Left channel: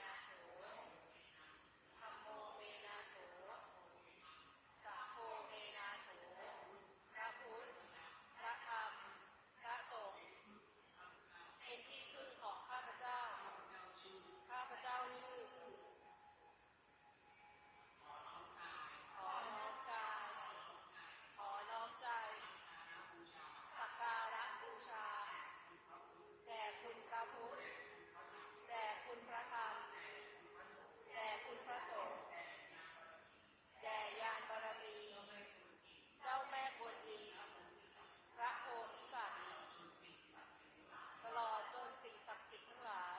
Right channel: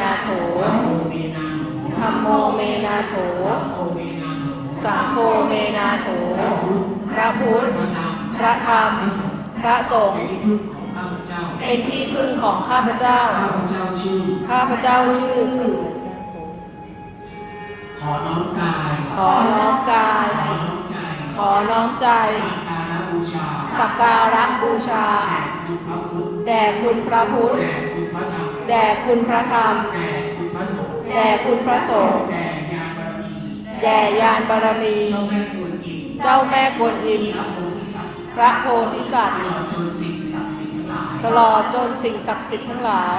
นาโถธรรมโมเมนาโถธัมโมเมนาโถ สังโฆเมนาโถ พระพุทธ พระธรรม พระธรรมพระสงฆ์ เป็นที่พึ่งของข้าพเจ้าเป็นที่พึ่งของข้าพเจ้าข้าพเจ้าชื่อข้าพเจ้าชื่อ ขอน้อมกาย ขอน้อมกาย ขอน้อมใจขอน้อมใจสักการะบูชาสักการะบูชา แด่คุณพระพุทธ แด่คุณพระพุทธแด่คุณพระธรรมแด่คุณพระธรรม แด่คุณพระสงฆ์ แด่คุณพระสงฆ์แด่ญาณบารมีแด่ยานบารมีเจ้าแม่กวนอิมเจ้าแม่กวนอิม พระโพธิสัตว์พระโพธิสัตว์ตลอดจนสิ่งศักดิ์สิทธิ์ทั้งหลายตลอดจนสิ่งศักดิ์สิทธิ์ทั้งหลาย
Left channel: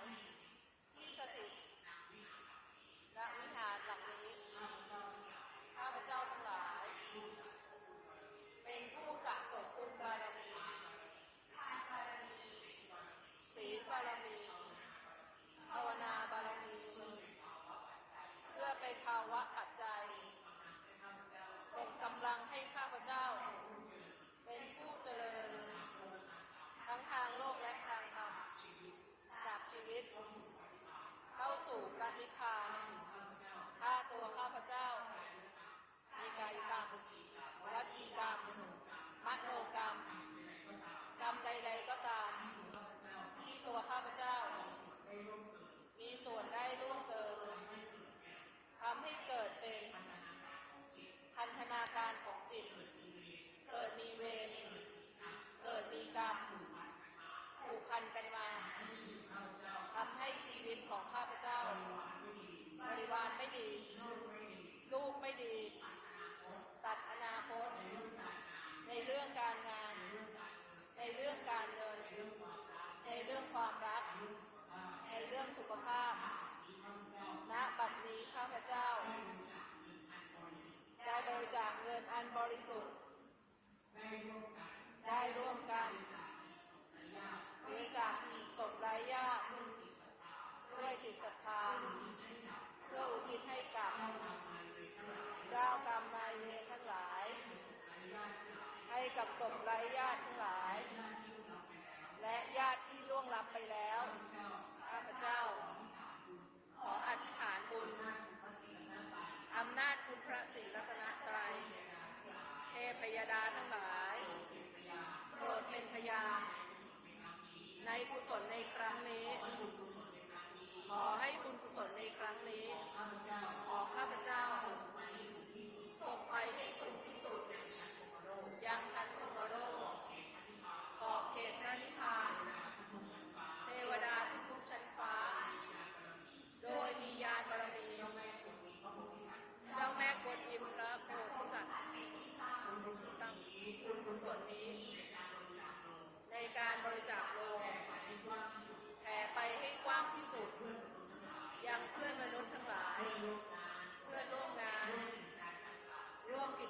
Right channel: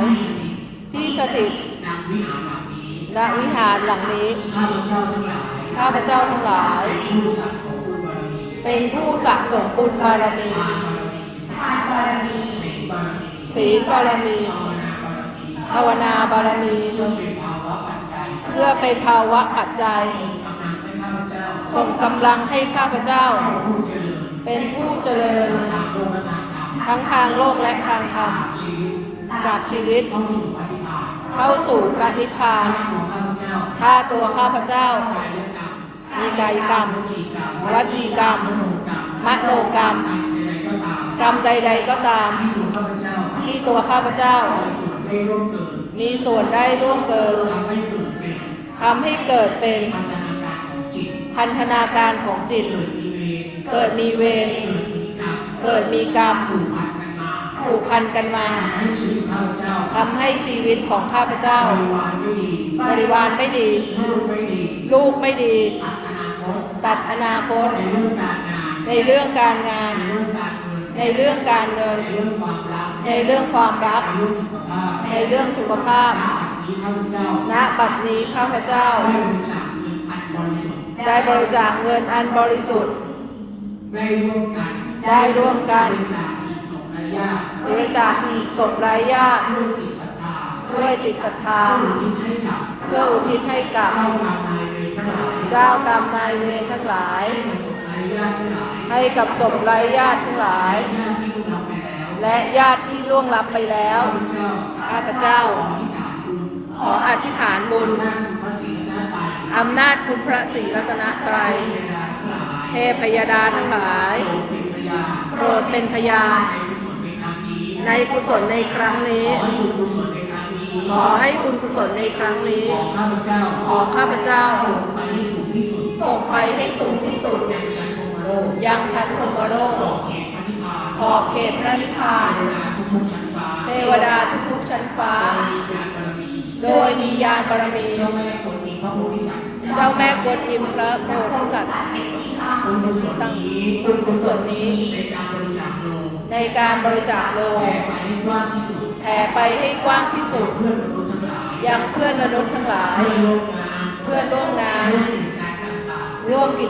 ที่สถิตณวิหารหลังนี้ณวิหารหลังนี้ข้าพเจ้าทั้งหลายข้าพเจ้าทั้งหลาย เป็นผู้สะสมบุญบารมีเป็นผู้สะสมบุญบารมีทานบารมีทานบารมีศีลบารมีศีลบารมี ภาวนาบารมี เพื่อเป็นภาวะปัจจัย ส่งกำลังให้ข้าพเจ้า เป็นผู้เจริญ ทั้งทางโลกและทางธรรมจากชีวิต เข้าสู่ปฏิภาเข้าสู่พระนิพพานฆ่าตัวข้าพเจ้า มีกายกรรมวจีกรรม มโนกรรม กรรมใด ๆก็ตาม ที่ตัวข้าพเจ้า มีส่วนได้ร่วมเกินทำให้เกิดเป็นพันธนาการของจิต เกิดมีเวรเกิดมีกรรมผูกพันกันมาทำให้ชีวิตของข้าพเจ้าบริวารไม่ดีลูกไม่ดีตัดอนาคตในเรื่องการงานในเรื่องการ เงิน ในเรื่องความรัก ในเรื่องสุขภาพ ณ บัดนี้ข้าพเจ้า ได้บริจาคเงินอันบริสุทธิ์ ได้ร่วมกัน ได้ร่วมกันบริจาคอีกสมระยะบริจาคอีกศพไร้ญาติด้วยจิตศรัทธาด้วยจิตศรัทธาเพื่ออุทิศให้กับเพื่ออุทิศให้กับ เจ้ากรรมนายเวรทั้งหลาย เจ้ากรรมนายเวรทั้งหลายให้กับศพไร้ญาติทั้งหลายญาติที่ล่วงลับไปแล้วและญาติที่ล่วงลับไปแล้วข้าพเจ้าข้าพเจ้าขออธิษฐานบุญขออธิษฐานบุญอำนาจคุณพระศรีรัตนตรัยอำนาจคุณพระศรีรัตนตรัยเทพยดาทั้งหลาย โปรดเป็นพยานโปรดเป็นพยานในกุศลในครั้งนี้ในกุศลในครั้งนี้ขอให้บุญกุศลในครั้งนี้ ขอให้บุญกุศลในครั้งนี้ ขอข้าพเจ้าขอข้าพเจ้าส่งไปให้สูงที่สุด ส่งไปให้สูงที่สุดยังชั้นพรหมโลกยังชั้นพรหมโลกขอบเขตพระนิพพานขอบเขตพระนิพพานเทวดาทุกๆชั้นฟ้าเทวดาทุกๆชั้นฟ้า โดยมีญาณบารมีโดยมียานบารมี เจ้าแม่กวนอิมพระโพธิสัตว์เจ้าแม่กวนอิมพระโพธิสัตว์บุญกุศลนี้บุญกุศลนี้ ในการบริจาคโลงในการบริจาคโลงแผ่ไปให้กว้างที่สุดแผ่ไปให้กว้างที่สุดเพื่อนมนุษย์ทั้งหลายยังเพื่อนมนุษย์ทั้งหลายเพื่อน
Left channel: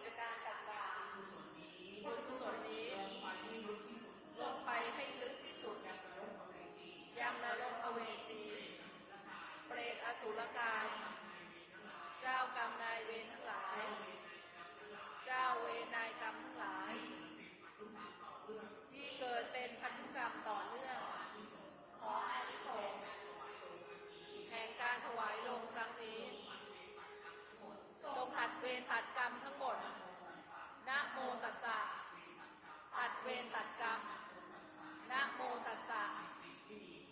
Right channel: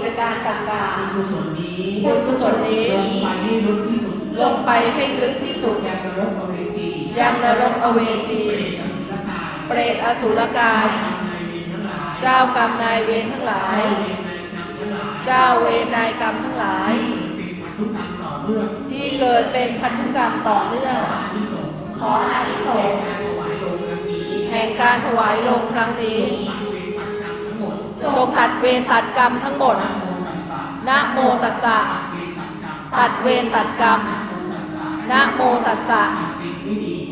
จการต่างร่วมกิจการต่างๆๆบุญกุศลนี้บุญกุศลนี้ ลงไปให้ลึกที่สุดลงไปให้ลึกที่สุด ยังนรกอเวจียังนรกอเวจี เปรตอสุรกายเปรตอสุรกายเจ้ากรรมนายเวรทั้งหลาย เจ้าเวรนายกรรมทั้งหลายเจ้าเวรนายกรรมทั้งหลาย ที่เกิดเป็นพันธุกรรมต่อเนื่องที่เกิดเป็นพันธุกรรมต่อเนื่องขออานิสงส์ แห่งการถวายโลงครั้งนี้ แห่งการถวายลงครั้งนี้ จงตัดเวรตัดกรรมทั้งหมด นะโมตัสสะนะโมตัสสะตัดเวรตัดกรรม นะโมตัสสะนะโมตัสสะ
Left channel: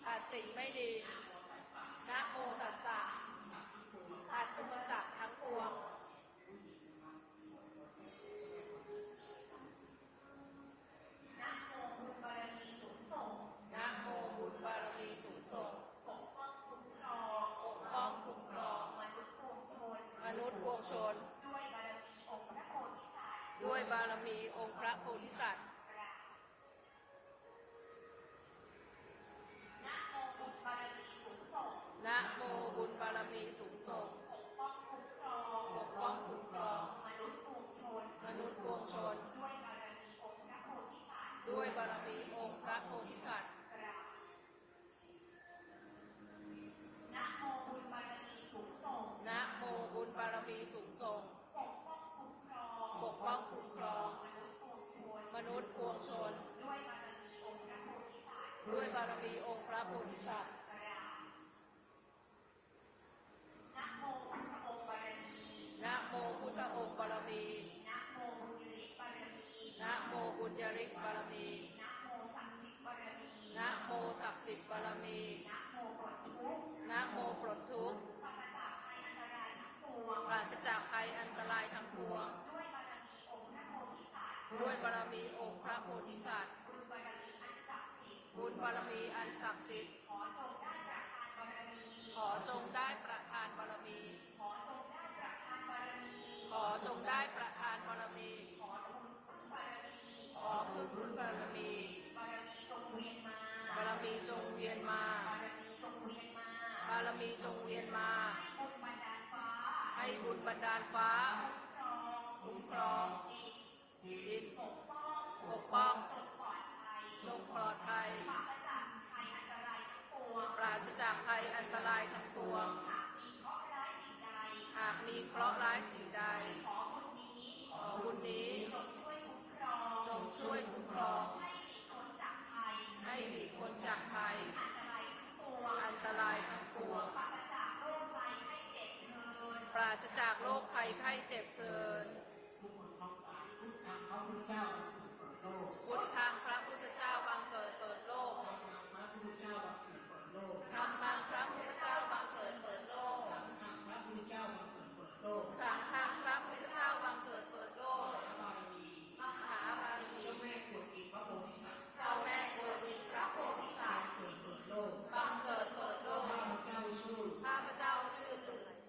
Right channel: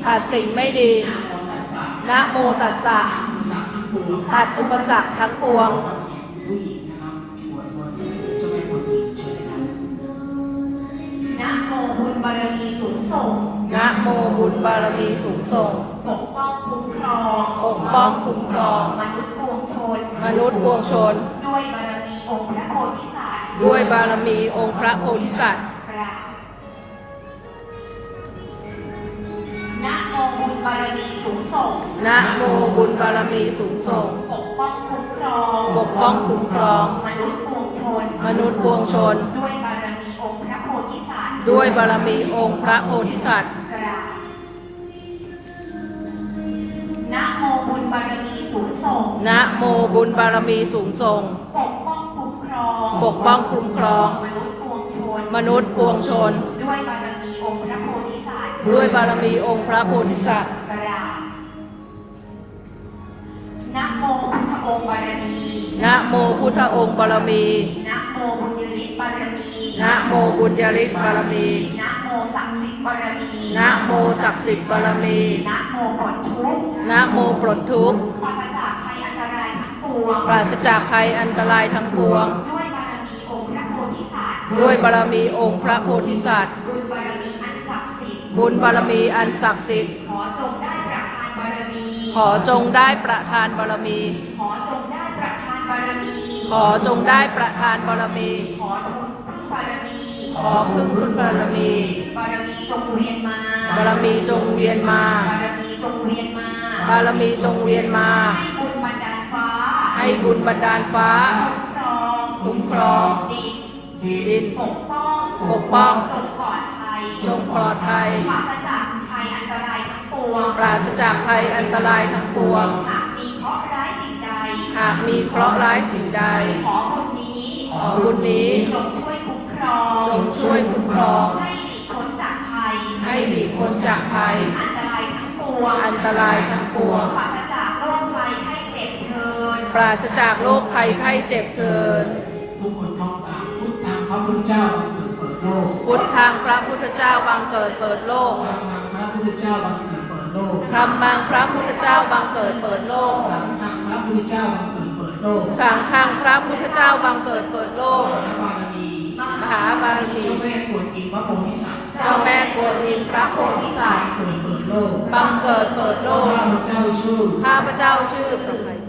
ตัดสิ่งไม่ดีตัดสิ่งไม่ดีนะโมตัสสะนะโมตัสสะ ตัดอุปสรรคทั้งปวงผู้หญิงนะครับสวดมนต์เสร็จเจ้าแม่กวนอิมเชิญครับนะโมบุญบารมีสูงส่งนะโมบุญบารมีสูงส่ง ปกป้องคุ้มครอง ปกป้องคุ้มครอง มนุษย์ปวงชน มนุษย์ปวงชน ด้วยบารมีองค์พระโพธิสัตว์ด้วยบารมีองค์พระโพธิสัตว์กราบนะโมบุญบารมีสูงส่งนะโมบุญบารมีสูงส่ง ปกป้องคุ้มครองปกป้องคุ้มครอง มนุษย์ปวงชน มนุษย์ปวงชน ด้วยบารมีองค์พระโพธิสัตว์ ด้วยบารมีองค์พระโพธิสัตว์ นะโมบุญบารมีสูงส่ง ปกป้องคุ้มครองปกป้องคุ้มครอง มนุษย์ปวงชน มนุษย์ปวงชน ด้วยบารมีองค์พระโพธิสัตว์ด้วยบารมีองค์พระโพธิสัตว์กราบนะโมพุทธองค์บารมีนะโมพุทธองค์บารมีนะโมบุญยฤทธิ์บารมีนะโมบุญญาฤทธิ์บารมีนะโมศักดิ์สิทธิ์บารมีนะโมศักดิ์สิทธิ์บารมีนะโมปลดทุกข์นะโมปลดทุกข์ปราศจาก ปวง ปราศจากภัยอันตรายทั้งปวง ด้วยบารมีองค์พระโพธิสัตว์ด้วยบารมีองค์พระโพธิสัตว์ บุญบารมีอันศักดิ์สิทธิ์บุญบารมีอันศักดิ์สิทธิ์ ขอจงได้ประทานบารมี ขอจงได้ประทานบารมี ขอจงได้ประทานบารมี ขอจงได้ประทานบารมี ขอทุนพึ่งบารมีขอพึ่งคุณบารมี บารมีจงเวียนมา บารมีจงเวียนมา บารมีจงเวียนมา บารมีจงเวียนมาให้ ให้บุญบันดาลฟ้า คุ้มครองคุ้มครองดินดินปกป้องปกป้องจงปลอดภัยจงปลอดภัยปราศจากภัยอันตรายทั้งปวงปราศจากภัยอันตรายทั้งปวงหากมีเคราะห์ร้ายสิ่งใดหากมีเคราะห์ร้ายสิ่งใด ขอบุญนี้ขอบุญนี้จงช่วยคุ้มครองจงช่วยคุ้มครองให้หลีกพ้นจากภัยให้หลีกพ้นจากภัย อันตรายทั้งปวงอันตรายทั้งปวงปราศจากโรคภัยไข้เจ็บเทิน ปราศจากโรคภัยไข้เจ็บเถิดทุกคนท่องตามพุทธังพระพุทธเจ้าบังเกิดเปิดโลกพุทธังพระพุทธเจ้าบังเกิดเปิดโลกธรรมังพระพุทธเจ้าบังเกิดเปิดโลกธรรมังพระพุทธเจ้าบังเกิดเปิดโลก สังฆังพระพุทธเจ้าบังเกิดเปิดโลกสังฆังพระพุทธเจ้าบังเกิดเปิดโลก พระบารมีมหาบารมีเจ้าแม่กวนอิมพระโพธิสัตว์เจ้าแม่กวนอิมพระโพธิสัตว์เกิดเปิดโลกบังเกิดเปิดโลกข้าพเจ้าชื่อข้าพเจ้าชื่อประภัยแท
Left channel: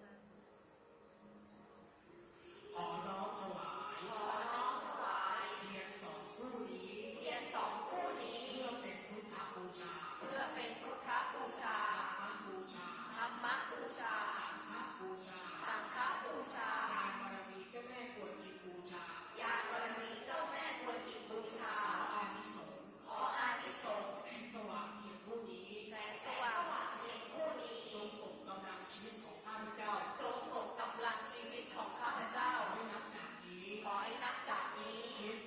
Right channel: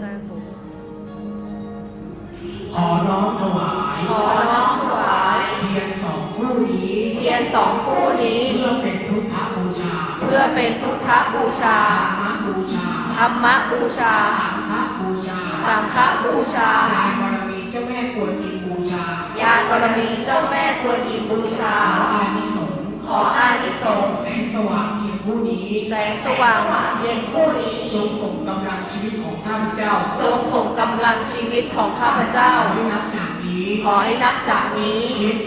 ้ผม ขอน้อมถวายขอน้อมถวาย เทียนสองคู่นี้เทียนสองคู่นี้ เพื่อเป็นพุทธบูชาเพื่อเป็นพุทธบูชา ธรรมบูชาธรรมบูชา สังฆบูชาสังฆบูชาลานบารมีเจ้าแม่กวนอิมบูชาญาณบารมีเจ้าแม่กวนอิมบูชาขออานิสงส์ขออานิสงส์แสงสว่างเทียน ผู้นี้แสงสว่างเย็นผู้นี้จงส่งกำลังชีวิตของข้าพเจ้าจงส่งกำลังชีวิตของข้าพเจ้าขอให้นับจากนี้ขอให้นับจากนี้ คิด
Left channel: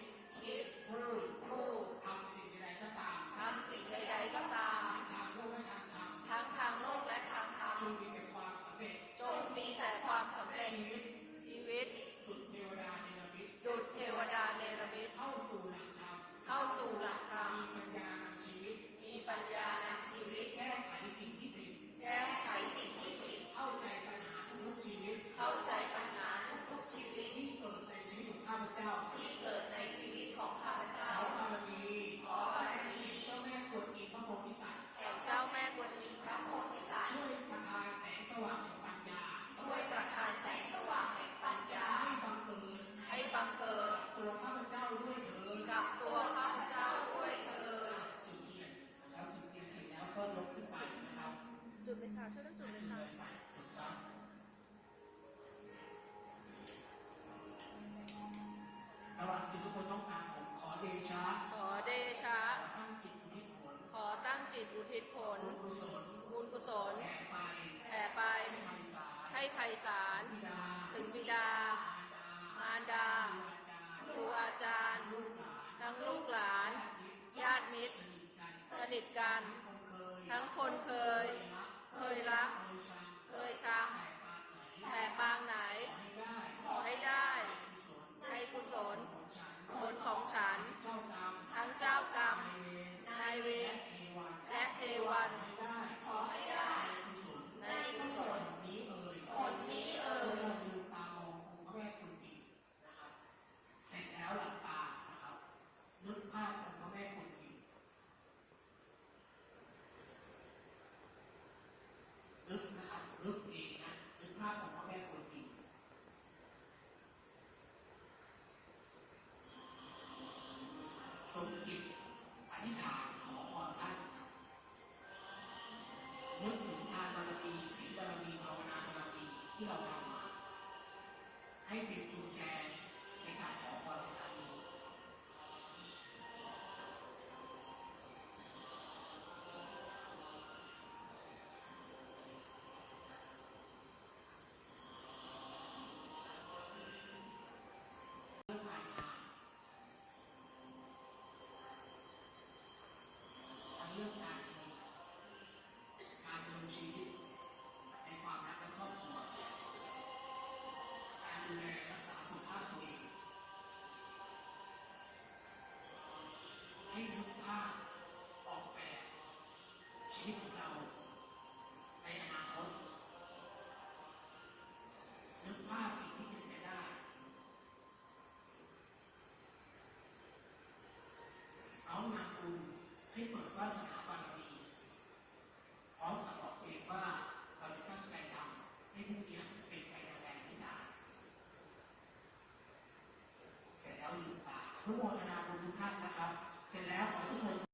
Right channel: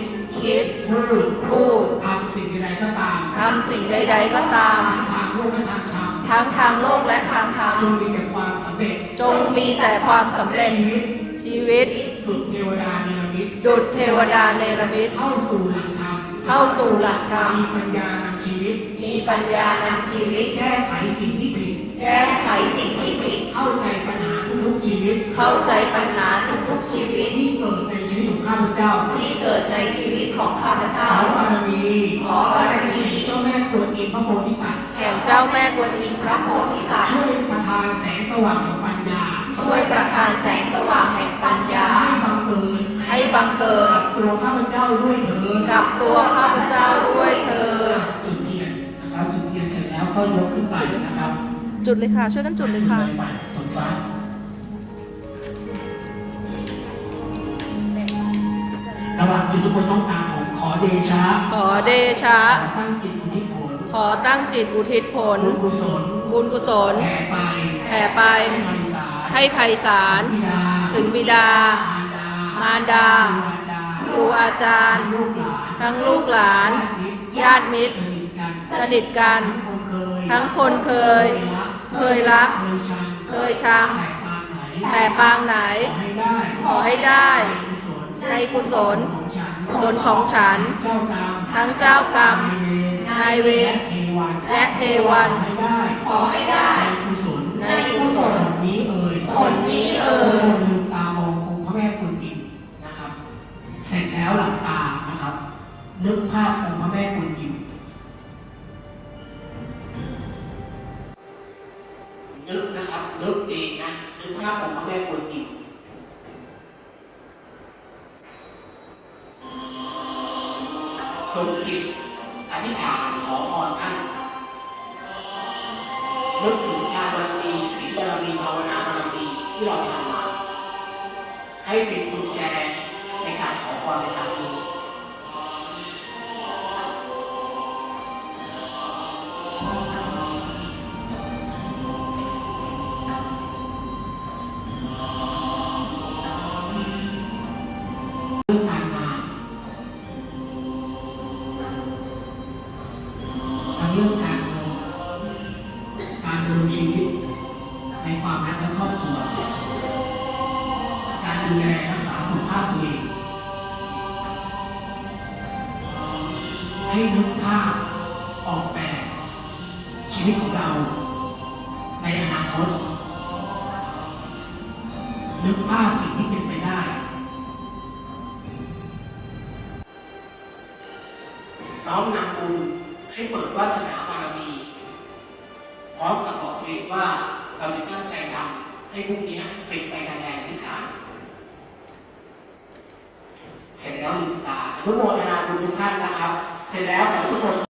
คิดพูดพูดทำสิ่งใดก็ตามทำสิ่งใด ๆก็ตามทางโลกและทางธรรมทั้งทางโลกและทางธรรมจงมีแต่ความสำเร็จจงมีแต่ความสำเร็จชีวิตชีวิตดุจเทวดาเนรมิตดุจเทวดาเนรมิตเข้าสู่หลักธรรม เข้าสู่หลักธรรมมีปัญญานำชีวิต มีปัญญานำชีวิต แก้ไขสิ่งที่ผิด แก้ไขสิ่งที่ผิด เข้าใจปัญหาทุกๆชีวิต เข้าใจปัญหาทุกๆชีวิตที่เกิดในชีวิตของข้าพเจ้า ที่เกิดในชีวิตของข้าพขเจ้าอบารมีขอบารมีเจ้าแม่กวนอิมพระโพธิสัตว์แห่งเจ้าแม่กวนอิมพระโพธิสัตว์ ช่วยประทานแสงสว่างแห่งปัญญา ช่วยประทานแสงสว่างแห่งปัญญา บังเกิด กับตัวข้าพเจ้าด้วยเถิดกับตัวข้าพเจ้าด้วยเถิดจุดเทียนนะครับจุดเทียนเสร็จแล้วก็ยกขึ้นไปนะครับ จุดเลยค่ะ ช่วยกันจุดเลยค่ะไปจุดฟ้าระหว่างที่ทุกคนต้องตามผมขอเดชะ ขอเดชะขอตั้งจิตอุทิศผล ขอตั้งจิตอุทิศผล บุญกุศล บุญกุศลแผ่ไปแผ่ไป ให้ไพศาลให้ไพศาลบิดาถึงบิดา มารดามารดา ครูอาจารย์ลูกหลานทั้งลูกหลาน ญาติมิตร สนิทกัน ทั้งคนเคย เคยรัก เคยชัง แต่ปางไหน ขอให้ได้ ในกุศลผลของฉัน ทั้งเจ้ากรรม นายเวร และเทวัน ขอให้ได้ ในกุศลผลนี้เอ่ยผลนี้ ทรงจิตอธิษฐานขอพรท่านนึกถึงทานบารมีศีลบารมีภาวนาบารมีที่เราทำมา ให้เป็นกุญแจในการขอพรในครั้งนี้าพตัวเองให้นึกภาพออกแบบชีวิตของเราในอนาคต นึกภาพสิ่งที่เป็นไปได้ร้อมนำบุญให้เปิดวาสนาบารมี พร้อมกับบอกตัวเองว่าเราจะตั้งใจทำให้พวกนี้เป็นไปในแรงที่ฐาด เสร็จแล้วลืมตาอนุโมทนาบุญทุกท่านนะครับ เสร็จแล้วขอทุกคน